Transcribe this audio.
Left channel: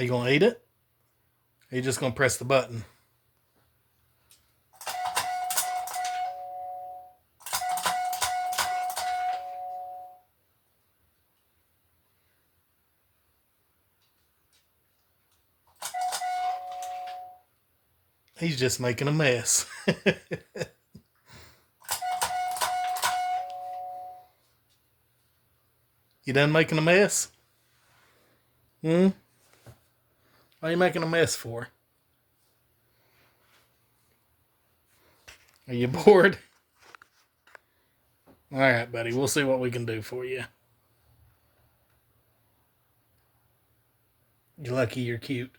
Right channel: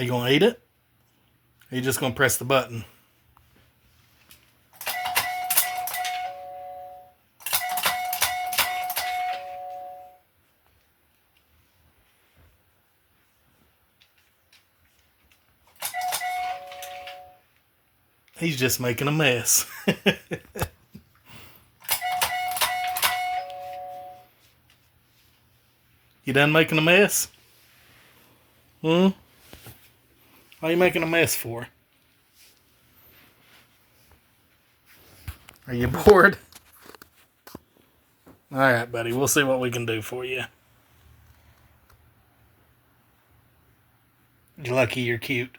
Are you going to eat it? Or are you just going to press the button? He's just making a mess. You done making a mess? What are you making a mess for? Are you bored? Alright, buddy. We'll see what we can do for you. You're lucky you're cute.